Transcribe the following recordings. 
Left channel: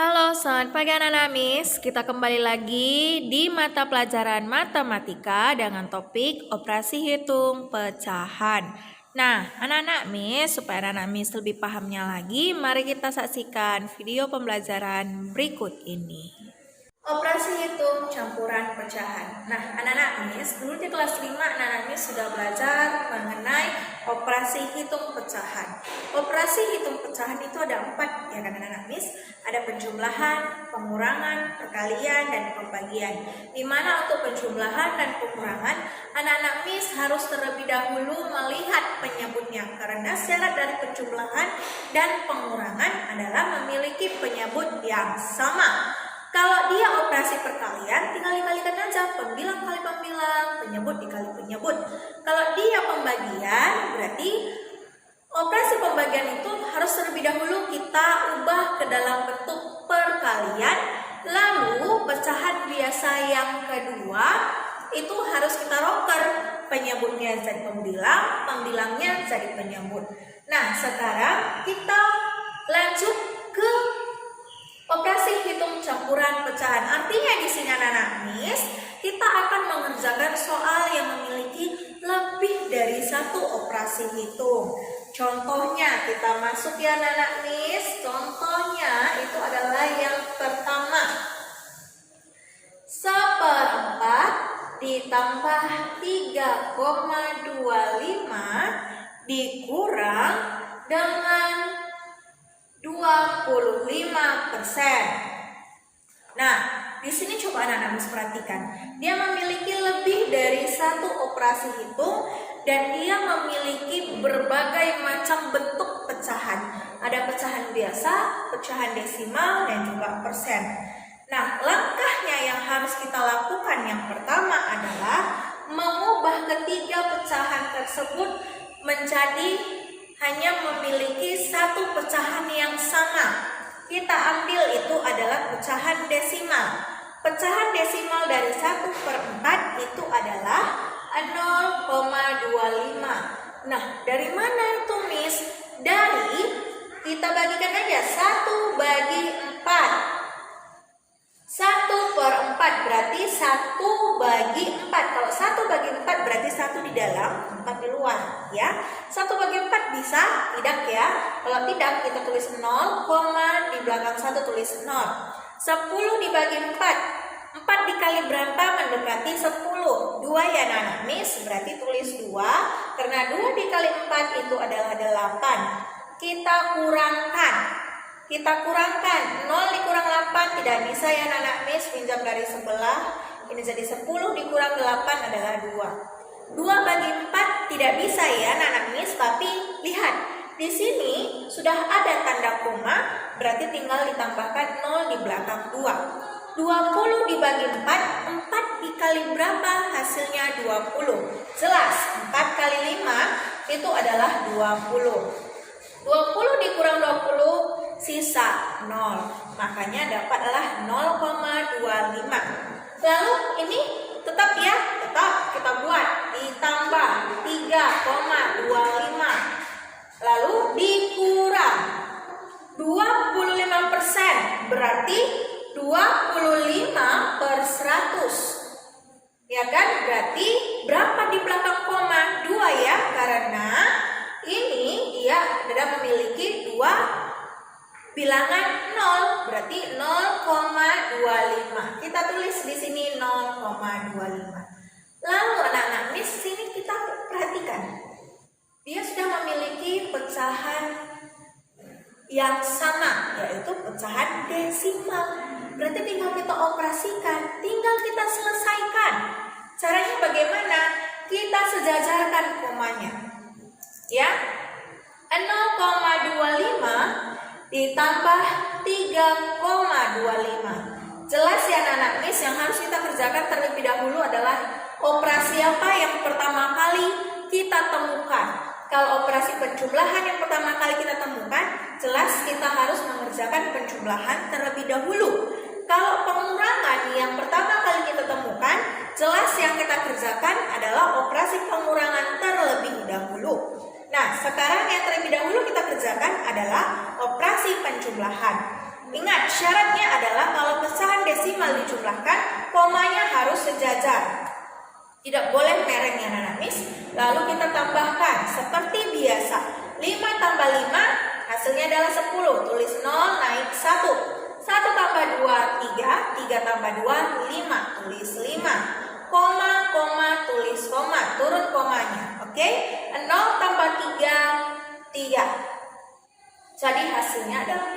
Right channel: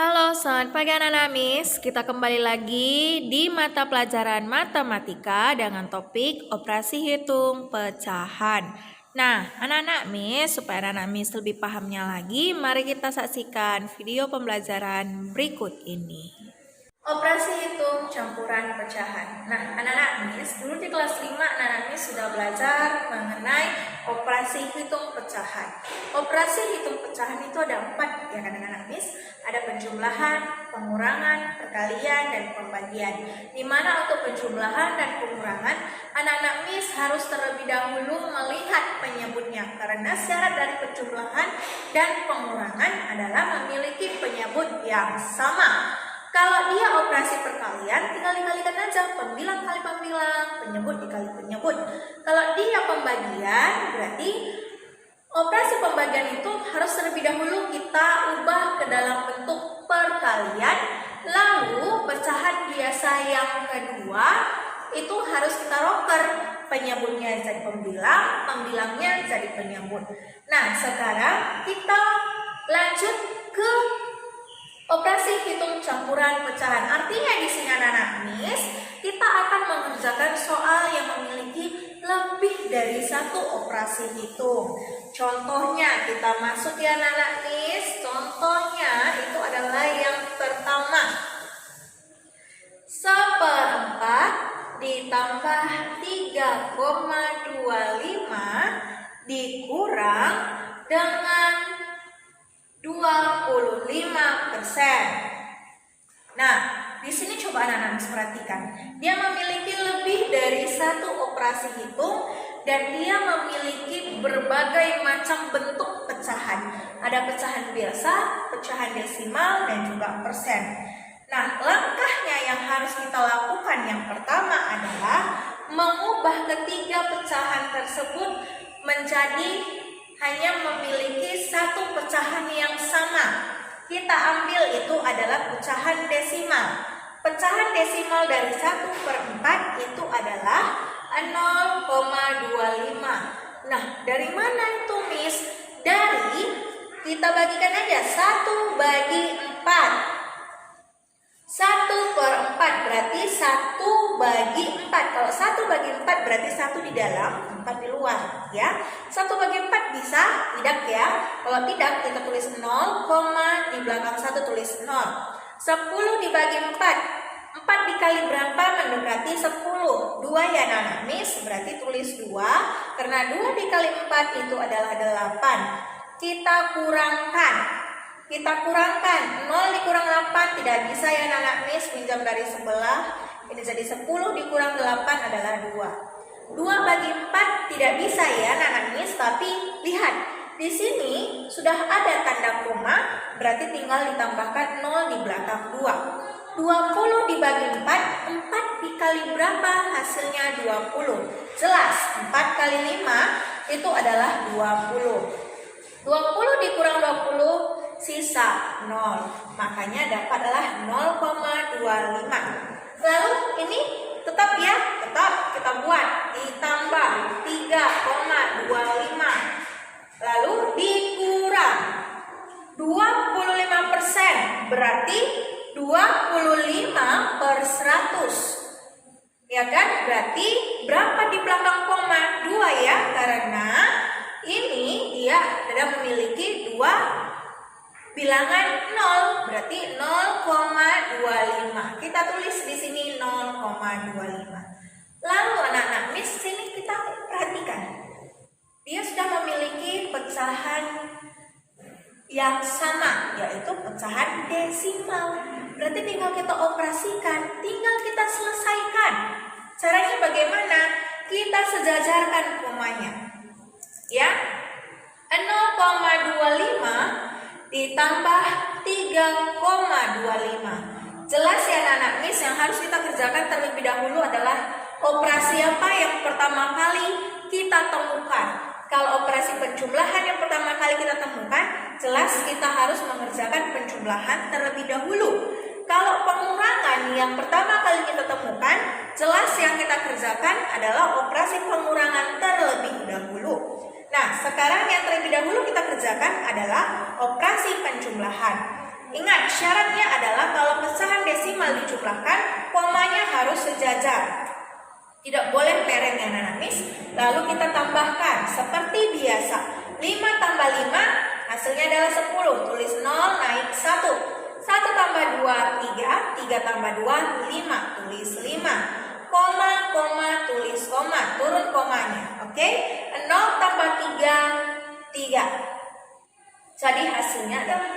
Halo, selamat pagi anak-anak Miss. Kita kembali lagi di mata pelajaran matematika dengan topik operasi hitung pecahan. Nah, anak-anak Miss, supaya anak-anak Miss lebih pahamnya lagi, mari kita saksikan video pembelajaran berikut ini. Operasi hitung campuran pecahan. Nah, anak-anak Miss, dulu di kelas 5 anak-anak Miss sudah belajar mengenai operasi hitung pecahan. Operasi hitung pecahan itu ada 4 ya kan anak-anak Miss. Ada penjumlahan, pengurangan, perkalian, dan pembagian. Di mana untuk penjumlahan dan pengurangan, anak-anak Miss harus terlebih dahulu melihat penyebutnya. Karena syarat dari penjumlahan dan pengurangan adalah memiliki penyebut yang sama. Kalau dia operasi perkalian, tinggal dikalikan aja, pembilang kali pembilang, penyebut dikali penyebut. Kalau dia pembagian, berarti operasi pembagian itu harus terlebih dahulu kita ubah ke dalam bentuk perkalian. Lalu pecahan biasa yang kedua itu harus kita roker, penyebutnya jadi pembilang, pembilangnya jadi penyebut. Nah, sekarang kita lanjut ke operasi hitung campuran pecahan. Artinya di sini anak-anak Miss, kita akan mengerjakan soal yang memiliki lebih dari satu operasi hitung. Contohnya kita masuk ya anak-anak Miss. Contohnya itu adalah yang pertama. 1/4 ditambah 3,25 dikurang dengan 25%. Nah, di sini coba anak-anak perhatikan. Dia memiliki lebih dari satu operasi hitung dan dia memiliki berbagai macam bentuk pecahan. Ada pecahan biasa, pecahan desimal, dan juga persen. Nah, langkahnya yang harus kita lakukan yang pertama adalah mengubah ketiga pecahan tersebut menjadi hanya memiliki satu pecahan yang sama. Kita ambil itu adalah pecahan desimal. Pecahan desimal dari 1/4 itu adalah 0,25. Nah, dari mana itu Miss? Dari kita bagikan aja 1 bagi 4. 1/4 berarti 1 bagi 4. Kalau 1 bagi 4 berarti 1 di dalam, 4 di luar ya. 1 bagi 4 bisa tidak ya? Kalau tidak kita tulis 0, di belakang 1 tulis 0. 10 dibagi 4. 4 dikali berapa mendekati 10? 2 ya anak-anak Miss, berarti tulis 2. Karena 2 dikali 4 itu adalah 8. Kita kurangkan. 0 dikurang 8 tidak bisa ya anak-anak Miss, pinjam dari sebelah. Ini jadi 10 dikurang 8 adalah 2. 2 bagi 4 tidak bisa ya anak-anak Miss, tapi lihat di sini sudah ada tanda koma, berarti tinggal ditambahkan 0 di belakang 2. 20 dibagi 4, 4 dikali berapa? Hasilnya 20. Jelas, 4 kali 5 itu adalah 20. 20 dikurang 20 sisa 0, makanya dapatlah 0,25. Lalu ini tetap ya, tetap kita buat ditambah 3,25 lalu dikurang 25%, berarti 25/100 ya kan? Berarti berapa di belakang koma? 2 ya, karena ini dia tidak memiliki 2 bilangan 0, berarti 0,25. Kita tulis di sini 0,25. Lalu anak-anak Miss, sini kita perhatikan. Dia sudah memiliki pecahan yang sama, yaitu pecahan desimal. Berarti tinggal kita operasikan, tinggal kita selesaikan. Caranya bagaimana? Kita sejajarkan komanya. Ya. 0,25 ditambah 3,25. Jelas ya anak-anak Miss, yang harus kita kerjakan terlebih dahulu adalah operasi apa yang pertama kali kita temukan. Kalau operasi penjumlahan yang pertama kali kita temukan, jelas kita harus mengerjakan penjumlahan terlebih dahulu. Kalau pengurangan yang pertama kali kita temukan, jelas yang kita kerjakan adalah operasi pengurangan terlebih dahulu. Nah, sekarang yang terlebih dahulu kita kerjakan adalah operasi penjumlahan. Ingat, syaratnya dijumlahkan, komanya harus sejajar. Tidak boleh mereng ya anak-anak Miss. Lalu kita tambahkan seperti biasa. 5 tambah 5 hasilnya adalah 10. Tulis 0 naik 1. 1 tambah 2 3. 3 tambah 2 5. Tulis 5. Koma, koma, tulis koma. Turun komanya. Oke? 0 tambah 3 3. Jadi hasilnya adalah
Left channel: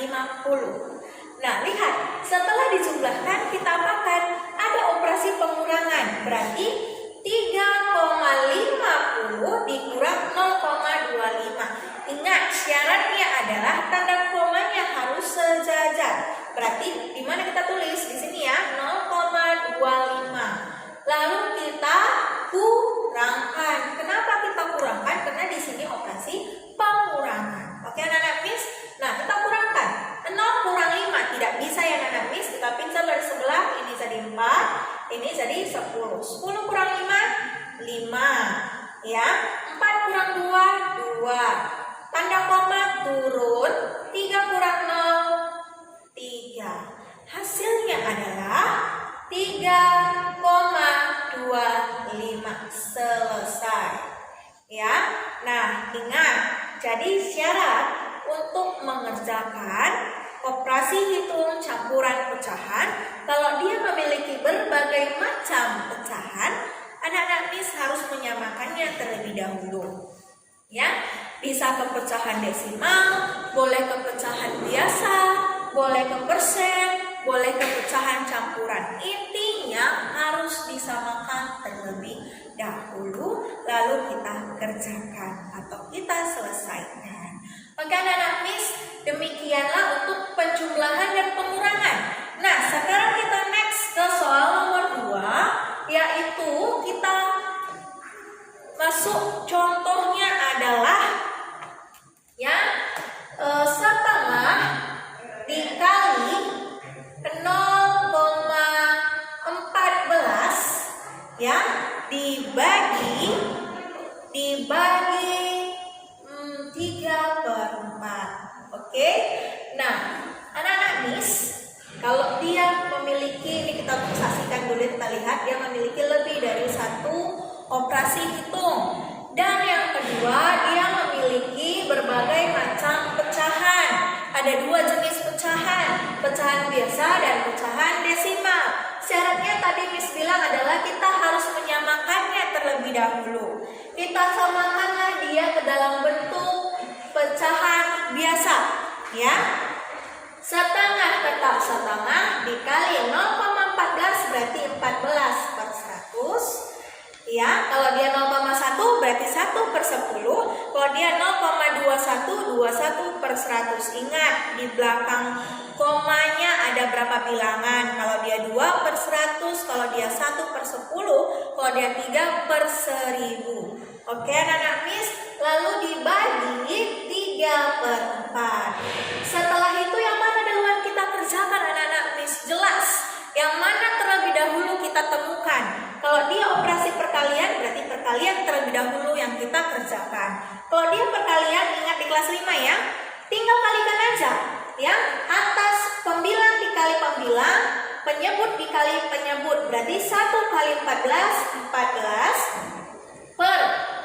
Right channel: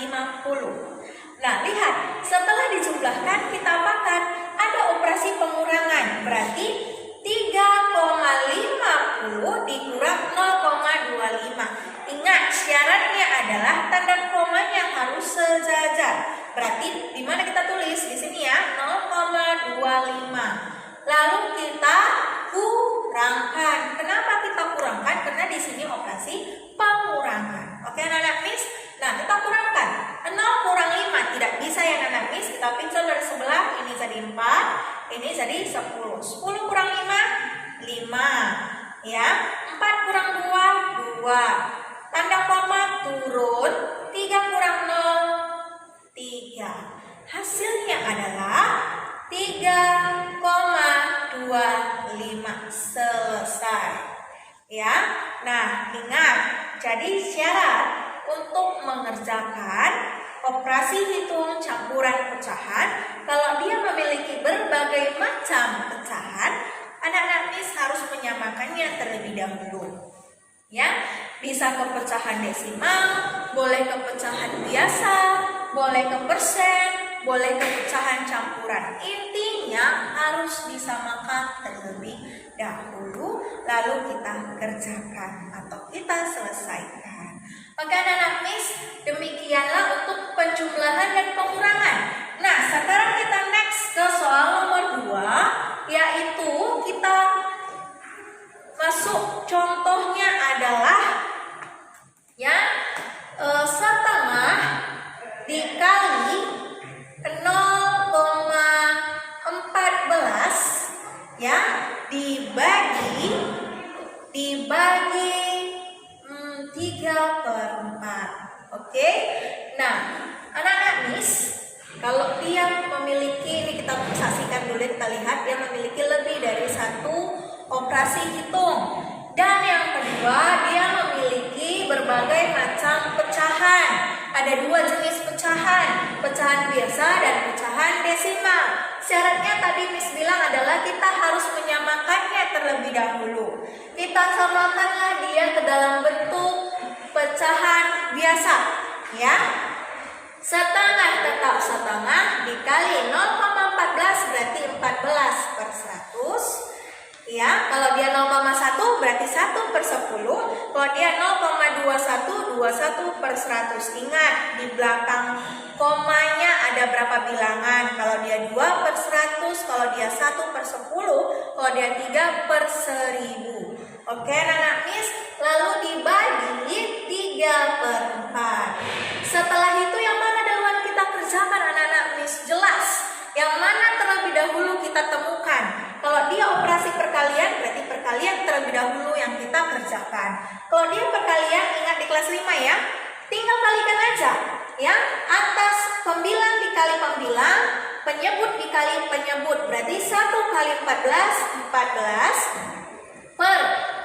50. Nah, lihat, setelah dijumlahkan kita apakan? Ada operasi pengurangan. Berarti 3,50 dikurang 0,25. Ingat, syaratnya adalah tanda komanya harus sejajar. Berarti di mana kita tulis? Di sini ya, 0,25. Lalu kita kurangkan. Kenapa kita kurangkan? Karena di sini operasi pengurangan. Oke, anak-anak Miss? Nah, kita kurangkan. 0 kurang 5 tidak bisa ya anak-anak Miss. Kita pincel dari sebelah. Ini jadi 4, ini jadi 10. 10 kurang 5 5 ya. 4 kurang 2 2. Tanda koma turun. 3 kurang 0 3. Hasilnya adalah 3,25. Selesai ya. Nah, ingat, jadi syarat untuk mengerjakan operasi hitung campuran pecahan, kalau dia memiliki berbagai macam pecahan, anak-anak Miss harus menyamakannya terlebih dahulu. Ya, bisa ke pecahan desimal, boleh ke pecahan biasa, boleh ke persen, boleh ke pecahan campuran. Intinya harus disamakan terlebih dahulu, lalu kita kerjakan atau kita selesaikan. Oke anak-anak Miss, demikianlah untuk penjumlahan dan pengurangan. Nah, sekarang kita next ke soal nomor 2, yaitu kita masuk contohnya adalah ya setengah dikali 0,14 ya dibagi 3/4. Oke. Nah, anak-anak Miss, kalau dia memiliki, ini kita saksikan dulu, kita lihat dia memiliki lebih dari satu operasi hitung. Dan yang kedua, dia memiliki berbagai macam pecahan. Ada 2 jenis pecahan, pecahan biasa dan pecahan desimal. Syaratnya tadi Miss bilang adalah kita harus menyamakannya terlebih dahulu. Kita samakanlah dia ke dalam bentuk pecahan biasa, ya. Setengah tetap setengah dikali 0,14 berarti 14/100. Ya, kalau dia 0,1 berarti 1/10. Kalau dia 0,21 21/100. Ingat, di belakang komanya ada berapa bilangan? Kalau dia 2/100, kalau dia 1/10, kalau dia 3/1000. Oke, anak-anak Miss, lalu dibagi 3/4. Setelah itu yang mana duluan kita kerjakan anak-anak Miss? Jelas, yang mana terlebih dahulu kita temukan? Kalau dia operasi perkalian, berarti perkalian terlebih dahulu yang kita kerjakan. Kalau dia perkalian, ingat di kelas 5 ya, tinggal kalikan aja ya. Atas pembilang dikali pembilang, penyebut dikali penyebut, berarti 1 kali 14 14 per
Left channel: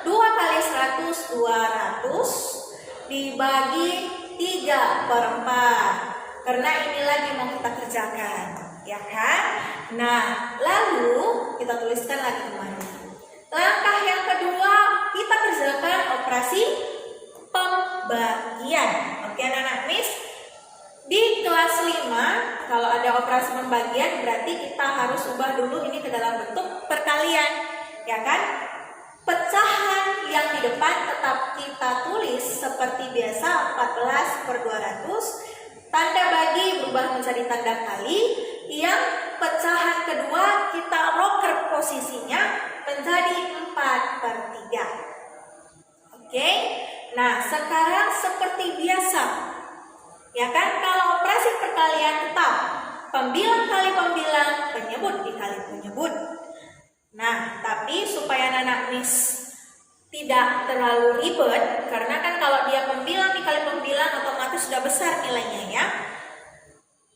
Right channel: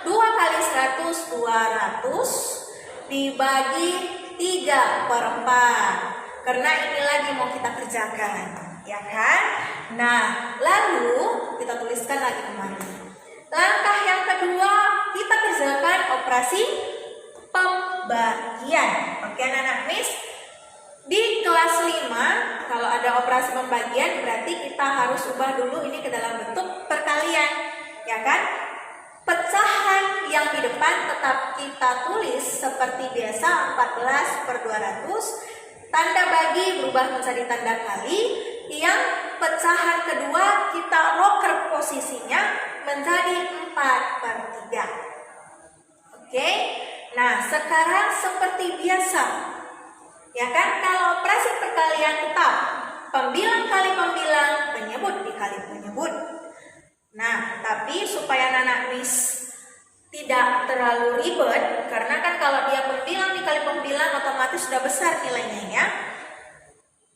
2 kali 100 200 dibagi 3/4. Karena ini lagi mau kita kerjakan, ya kan? Nah, lalu kita tuliskan lagi kembali. Langkah yang kedua, kita kerjakan operasi pembagian. Oke anak-anak Miss, di kelas 5 kalau ada operasi pembagian berarti kita harus ubah dulu ini ke dalam bentuk perkalian, ya kan? Pecahan yang di depan tetap kita tulis seperti biasa 14/200. Tanda bagi berubah menjadi tanda kali. Yang pecahan kedua kita roker posisinya menjadi 4/3. Oke. Nah, sekarang seperti biasa, ya kan? Kalau operasi perkalian tetap pembilang kali pembilang, penyebut dikali penyebut. Nah, tapi supaya anak-anak Miss tidak terlalu ribet, karena kan kalau dia pembilang dikali pembilang otomatis sudah besar nilainya ya.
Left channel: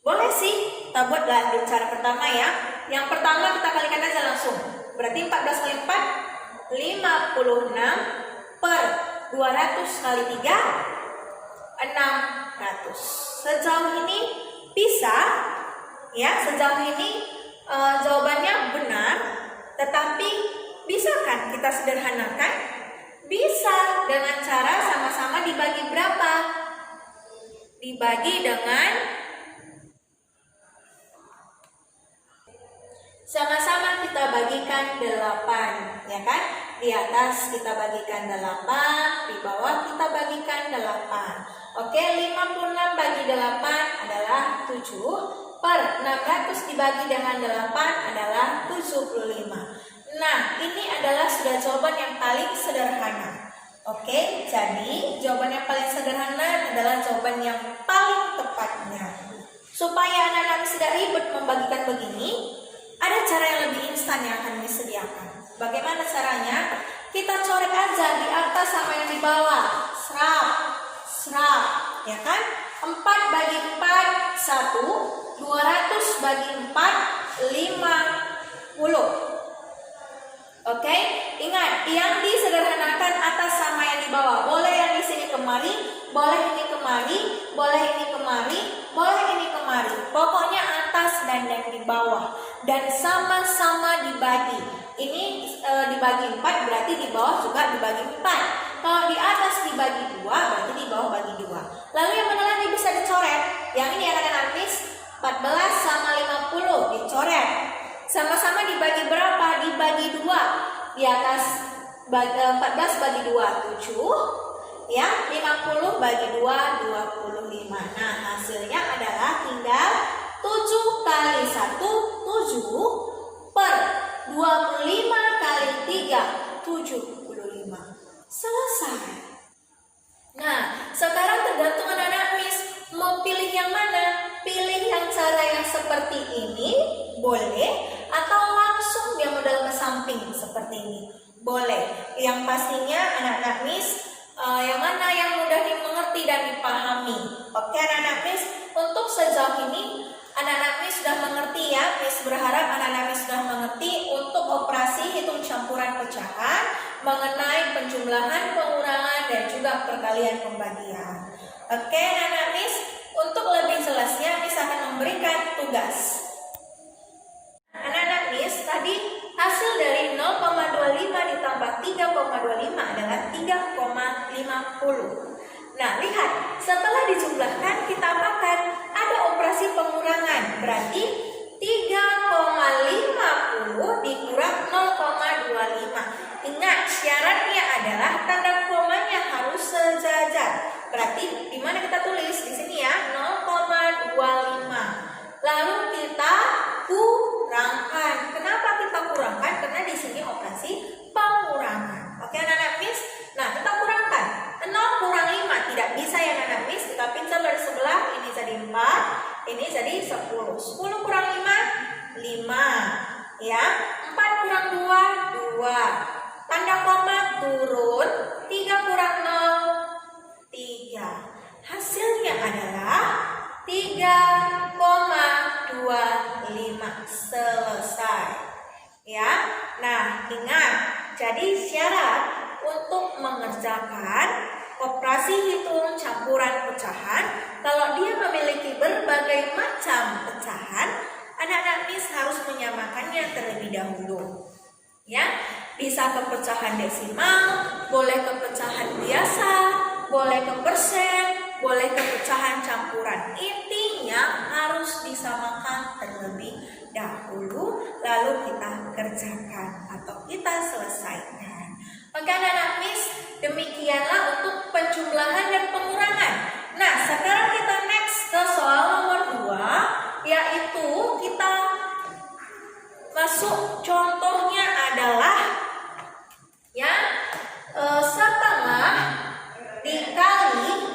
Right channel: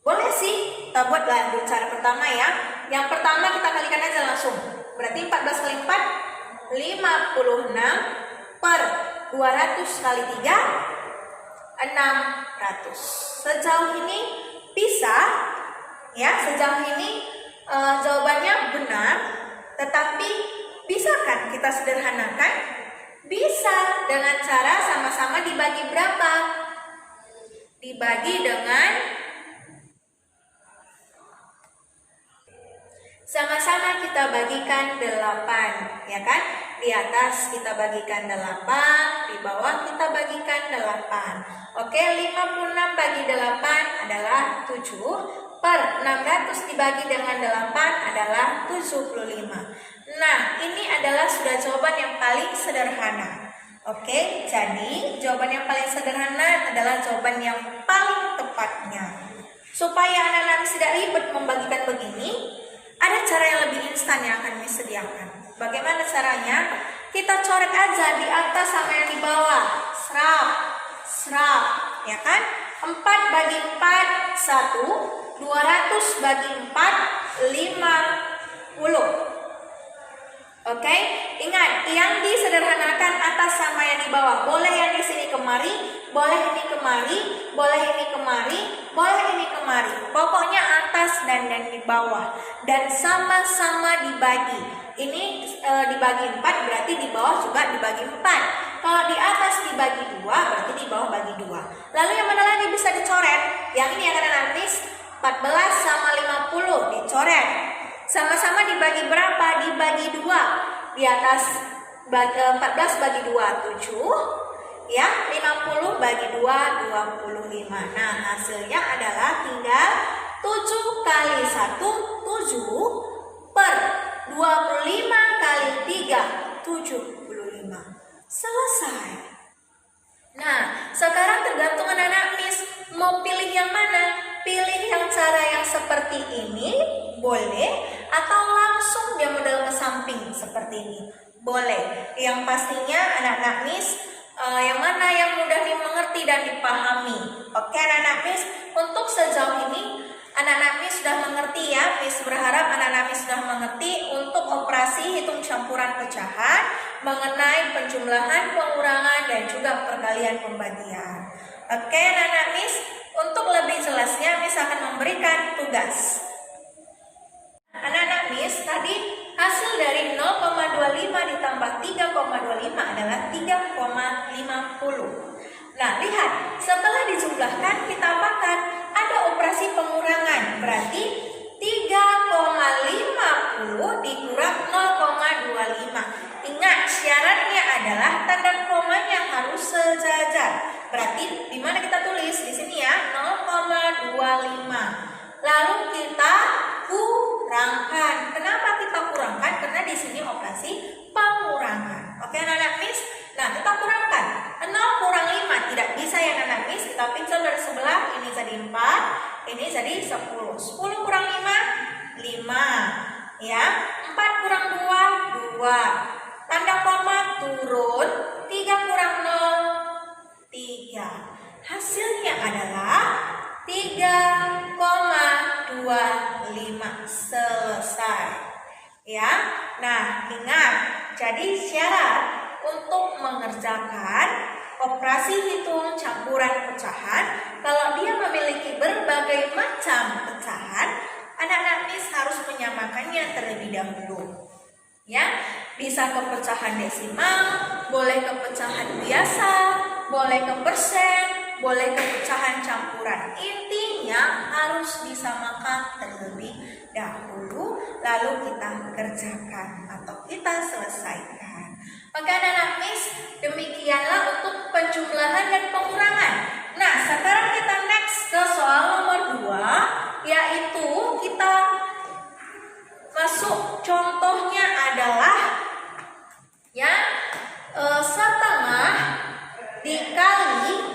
Boleh sih, Kita buatlah dulu cara pertama ya. Yang pertama kita kalikan aja langsung. Berarti 14 kali 4 56 per 200 kali 3 600. Sejauh ini bisa ya, sejauh ini jawabannya benar, tetapi bisa kan kita sederhanakan? Bisa dengan cara sama-sama dibagi berapa? Dibagi dengan sama-sama kita bagikan 8, ya kan? Di atas kita bagikan 8, di bawah kita bagikan 8. Oke, 56 bagi 8 adalah 7, per 600 dibagi dengan 8 adalah 75. Nah, ini adalah sudah jawaban yang paling sederhana. Oke, jadi jawaban yang paling sederhana adalah jawaban yang paling tepatnya. Supaya anak-anak tidak ribet membagikan begini, ada cara yang lebih instan yang akan disediakan. Bagaimana caranya? Kita coret aja di atas sama yang di bawah. Serap, ya kan? 4 bagi 4, 1. 200 bagi 4, 50. Oke, ingat yang disederhanakan atas sama yang di bawah. Boleh yang di sini kemari, boleh ini kemari, boleh ini kemari, boleh ini kemari. Pokoknya atas dan di bawah. Dan sama-sama dibagi. Ini dibagi 4 berarti di bawah juga dibagi 4. Kalau di atas dibagi 2 berarti di bawah bagi 2. Lalu yang mana lagi bisa dicoret? Yang ini akan nanti 14 sama 50 dicoret. Sama-sama dibagi berapa? Dibagi 2. Di atas 14 bagi 2 7. Ya, 50 bagi 2 25. Nah, hasilnya adalah tinggal 7 kali 1 7 per 25 kali 3 75. Selesai. Nah, sekarang tergantung anak-anak Miss mau pilih yang mana. Pilih yang cara yang seperti ini boleh, atau langsung dia model ke samping seperti ini boleh. Yang pastinya anak-anak Miss yang mana yang mudah dimengerti dan dipahami. Oke anak-anak Miss, untuk sejauh ini anak-anak Miss sudah mengerti ya. Miss berharap anak-anak Miss sudah mengerti untuk operasi hitung campuran pecahan, mengenai penjumlahan, pengurangan, dan juga perkalian pembagian. Oke anak-anak Miss, untuk lebih jelasnya Miss akan memberikan tugas. Anak-anak Miss, tadi hasil dari 0,25 ditambah 3,25 adalah 3,50. Nah, lihat, setelah dijumlahkan kita apakan? Ada operasi pengurangan, berarti 3,50 dikurang 0,25. Ingat, syaratnya adalah tanda komanya harus sejajar. Berarti di mana kita tulis? Di sini ya, 0,25. Lalu kita kurangkan. Kenapa kita kurangkan? Karena di sini operasi pengurangan. Oke anak-anak Miss? Nah, kita kurangkan. 0 kurang 5 tidak bisa ya anak-anak Miss. Kita pincel dari sebelah, ini jadi 4, ini jadi 10. 10 kurang 5, 5. Ya, 4 kurang 2, 2. Tanda koma turun, 3 kurang 0, 3. Hasilnya adalah 3,25. Selesai. Ya. Nah, ingat, jadi syarat untuk mengerjakan operasi hitung campuran pecahan, kalau dia memiliki berbagai macam pecahan, anak-anak Miss harus menyamakannya terlebih dahulu. Ya, bisa ke pecahan desimal, boleh ke pecahan biasa, boleh ke persen, boleh ke pecahan campuran. Intinya harus disamakan terlebih dahulu, lalu kita kerjakan atau kita selesaikan. Oke anak-anak Miss, demikianlah untuk penjumlahan dan pengurangan. Nah, sekarang kita next ke soal nomor 2, yaitu kita masuk contohnya adalah ya setengah dikali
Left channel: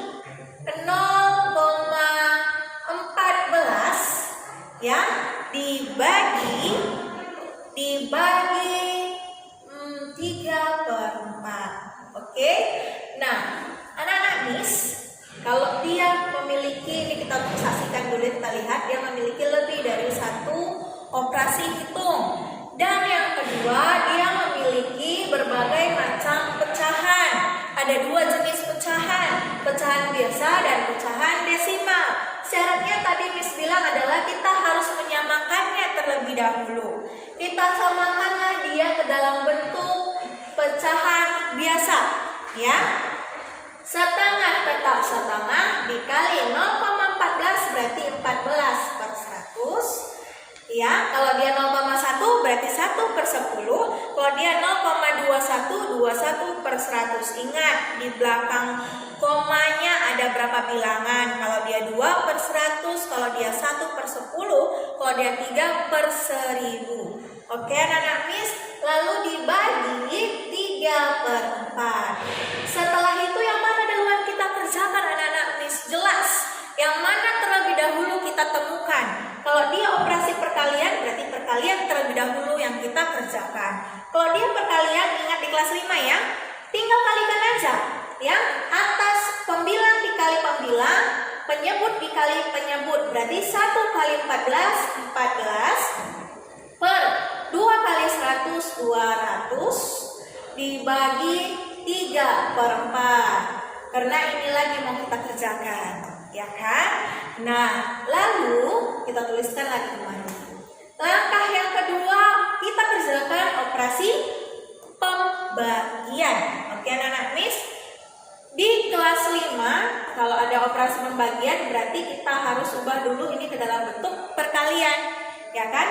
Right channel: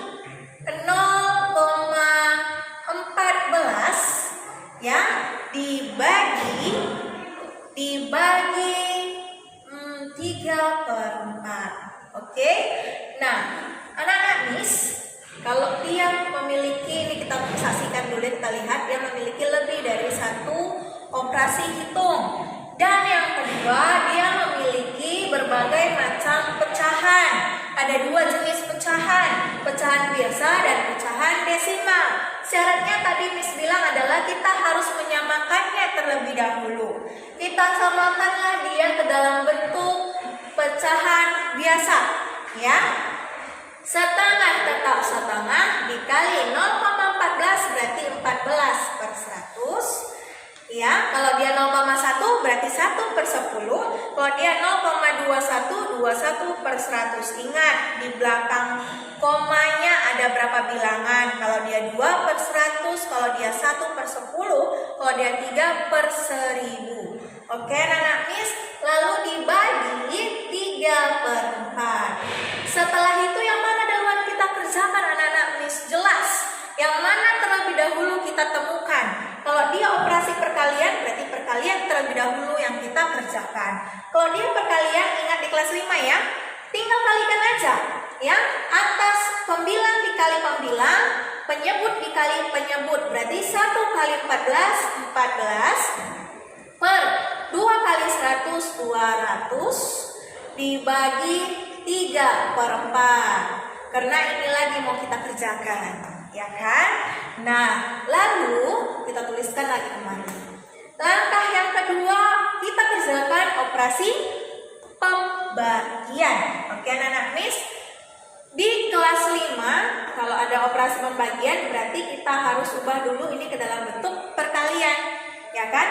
0,14 ya dibagi 3/4. Oke. Nah, anak-anak Miss, kalau dia memiliki, ini kita saksikan dulu, kita lihat dia memiliki lebih dari ada dua jenis pecahan, pecahan biasa dan pecahan desimal. Syaratnya tadi Miss bilang adalah kita harus menyamakannya terlebih dahulu. Kita samakanlah dia ke dalam bentuk pecahan biasa, ya. Setengah tetap setengah dikali 0,14 berarti 14 per 100. Ya, kalau dia 0,1 berarti 1 per 10. Kalau dia 0,21, 21 per 100. Ingat, di belakang komanya ada berapa bilangan. Kalau dia 2 per 100, kalau dia 1 per 10, kalau dia 3 per 1000. Oke, anak Miss, lalu dibagi 3 per 4. Setelah itu yang mana duluan kita kerjakan anak-anak Miss? Jelas, yang mana terlebih dahulu kita temukan. Kalau dia operasi perkalian, berarti perkalian terlebih dahulu yang kita kerjakan. Kalau dia perkalian, ingat di kelas 5 ya, tinggal kalikan aja. Ya, atas pembilang dikali pembilang, penyebut dikali penyebut. Berarti 1 kali 14, 14 per 2 kali 100, 200 dibagi 3 per 4. Karena ini lagi mau kita kerjakan, ya kan? Nah, lalu kita tuliskan lagi kembali. Langkah yang kedua, kita kerjakan operasi pembagian. Oke, anak-anak Miss, di kelas 5 kalau ada operasi pembagian berarti kita harus ubah dulu ini ke dalam bentuk perkalian, ya kan?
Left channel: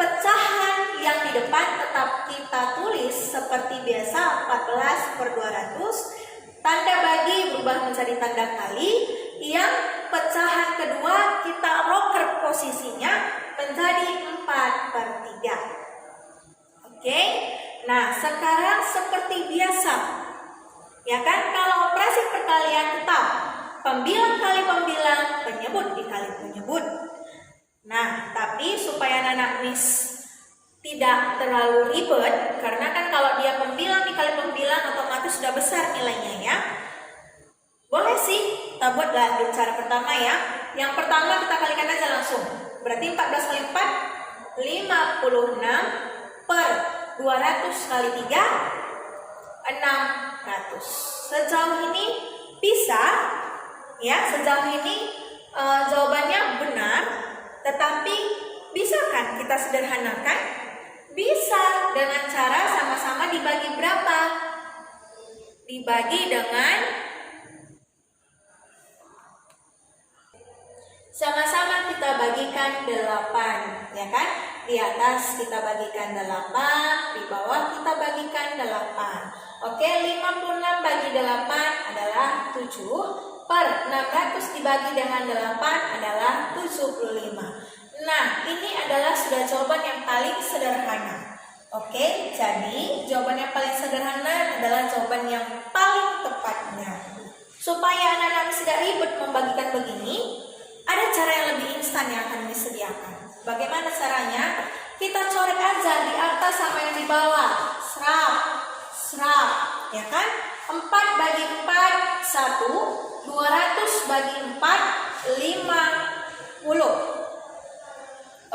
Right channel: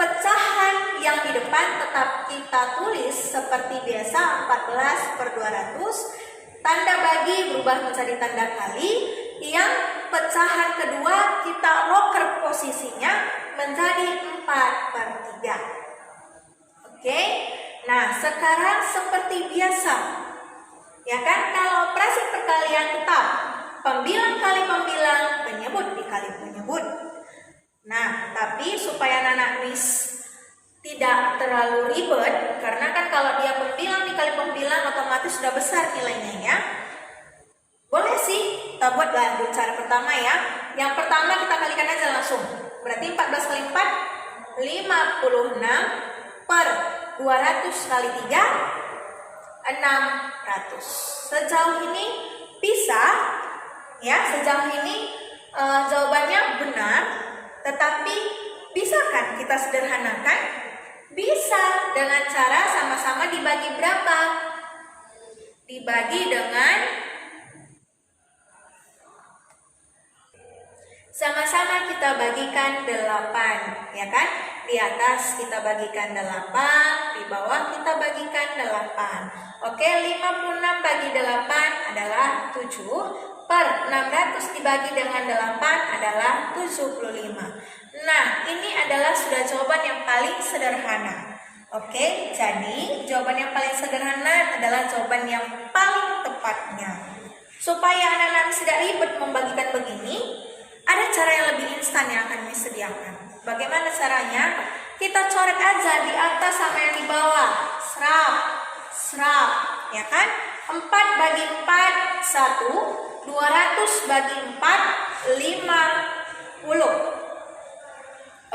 Pecahan yang di depan tetap kita tulis seperti biasa 14 per 200. Tanda bagi berubah menjadi tanda kali. Yang pecahan kedua kita roker posisinya menjadi 4 per 3. Oke. Nah, sekarang seperti biasa, ya kan? Kalau operasi perkalian tetap pembilang kali pembilang, penyebut dikali penyebut. Nah, tapi supaya anak Miss tidak terlalu ribet, karena kan kalau dia pembilang dikali pembilang otomatis sudah besar nilainya ya. Boleh sih kita buat lanjut cara pertama ya. Yang pertama kita kalikan aja langsung. Berarti 14 kali 4 56 per 200 kali 3 600. Sejauh ini bisa ya, sejauh ini jawabannya benar. Tetapi bisa kan kita sederhanakan? Bisa dengan cara sama-sama dibagi berapa? Dibagi dengan sama-sama kita bagikan 8, ya kan? Di atas kita bagikan 8, di bawah kita bagikan 8. Oke, 56 bagi 8 adalah 7, per 600 dibagi dengan 8 adalah 75. Nah, ini adalah sudah jawaban yang paling sederhana. Oke, jadi jawaban yang paling sederhana adalah jawaban yang paling tepatnya. Supaya anak-anak tidak ribet membagikan begini, ada cara yang lebih instan yang akan disediakan. Bagaimana caranya? Kita coret aja di atas sama yang di bawah. Serap, ya kan? 4 bagi 4, 1. 200 bagi 4, 50.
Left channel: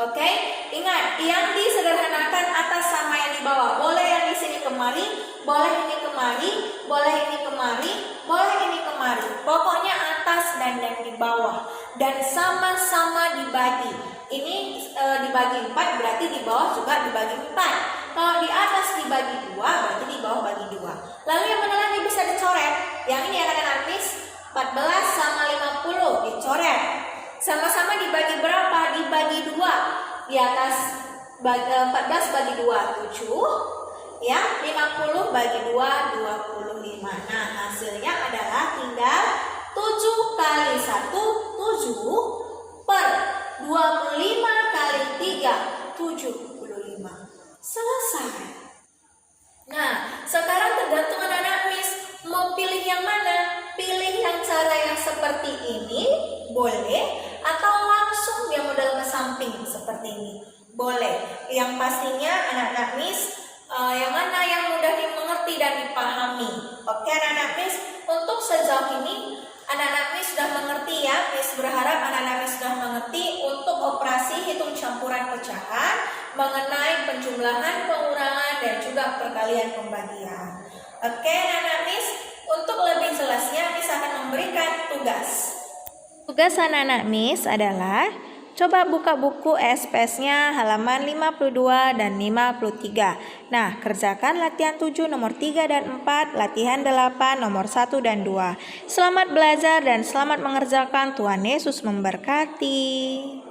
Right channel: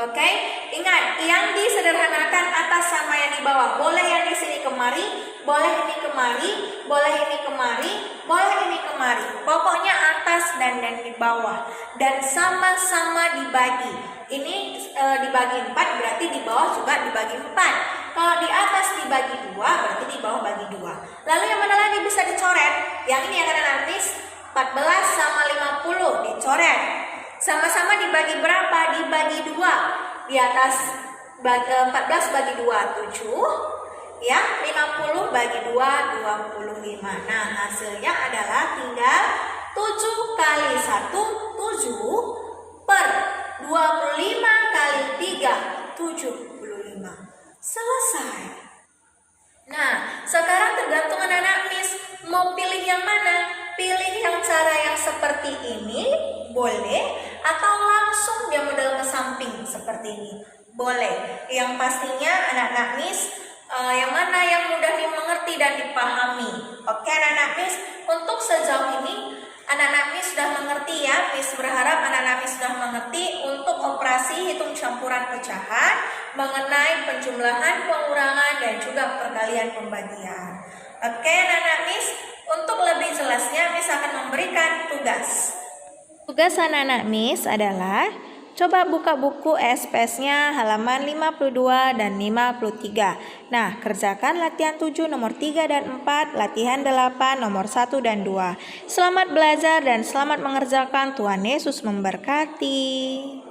Oke, ingat yang disederhanakan atas sama yang di bawah. Boleh yang di sini kemari, boleh ini kemari, boleh ini kemari, boleh ini kemari. Pokoknya atas dan di bawah. Dan sama-sama dibagi. Ini dibagi 4 berarti di bawah juga dibagi 4. Kalau di atas dibagi 2 berarti di bawah bagi 2. Lalu yang mana lagi bisa dicoret? Yang ini yang ada nanti 14 sama 50 dicoret. Sama-sama dibagi berapa? Dibagi 2. Di atas 14 bagi 2 7, ya. 50 bagi 2 25. Nah, hasilnya adalah tinggal 7 kali 1 7 per 25 kali 3 75. Selesai. Nah, sekarang tergantung anak-anak Miss mau pilih yang mana. Pilih yang cara yang seperti ini boleh, atau langsung dia model ke samping seperti ini boleh. Yang pastinya anak-anak Miss yang mana yang mudah dimengerti dan dipahami. Oke anak-anak Miss, untuk sejauh ini anak-anak Miss sudah mengerti ya. Miss berharap anak-anak Miss sudah mengerti untuk operasi hitung campuran pecahan, mengenai penjumlahan, pengurangan, dan juga perkalian pembagian. Oke, anak-anak Miss, untuk lebih jelasnya Miss akan memberikan tugas. Tugas anak-anak Miss adalah coba buka buku SPS-nya halaman 52 dan 53. Nah, kerjakan latihan 7 nomor 3 dan 4, latihan 8 nomor 1 dan 2. Selamat belajar dan selamat mengerjakan. Tuhan Yesus memberkati.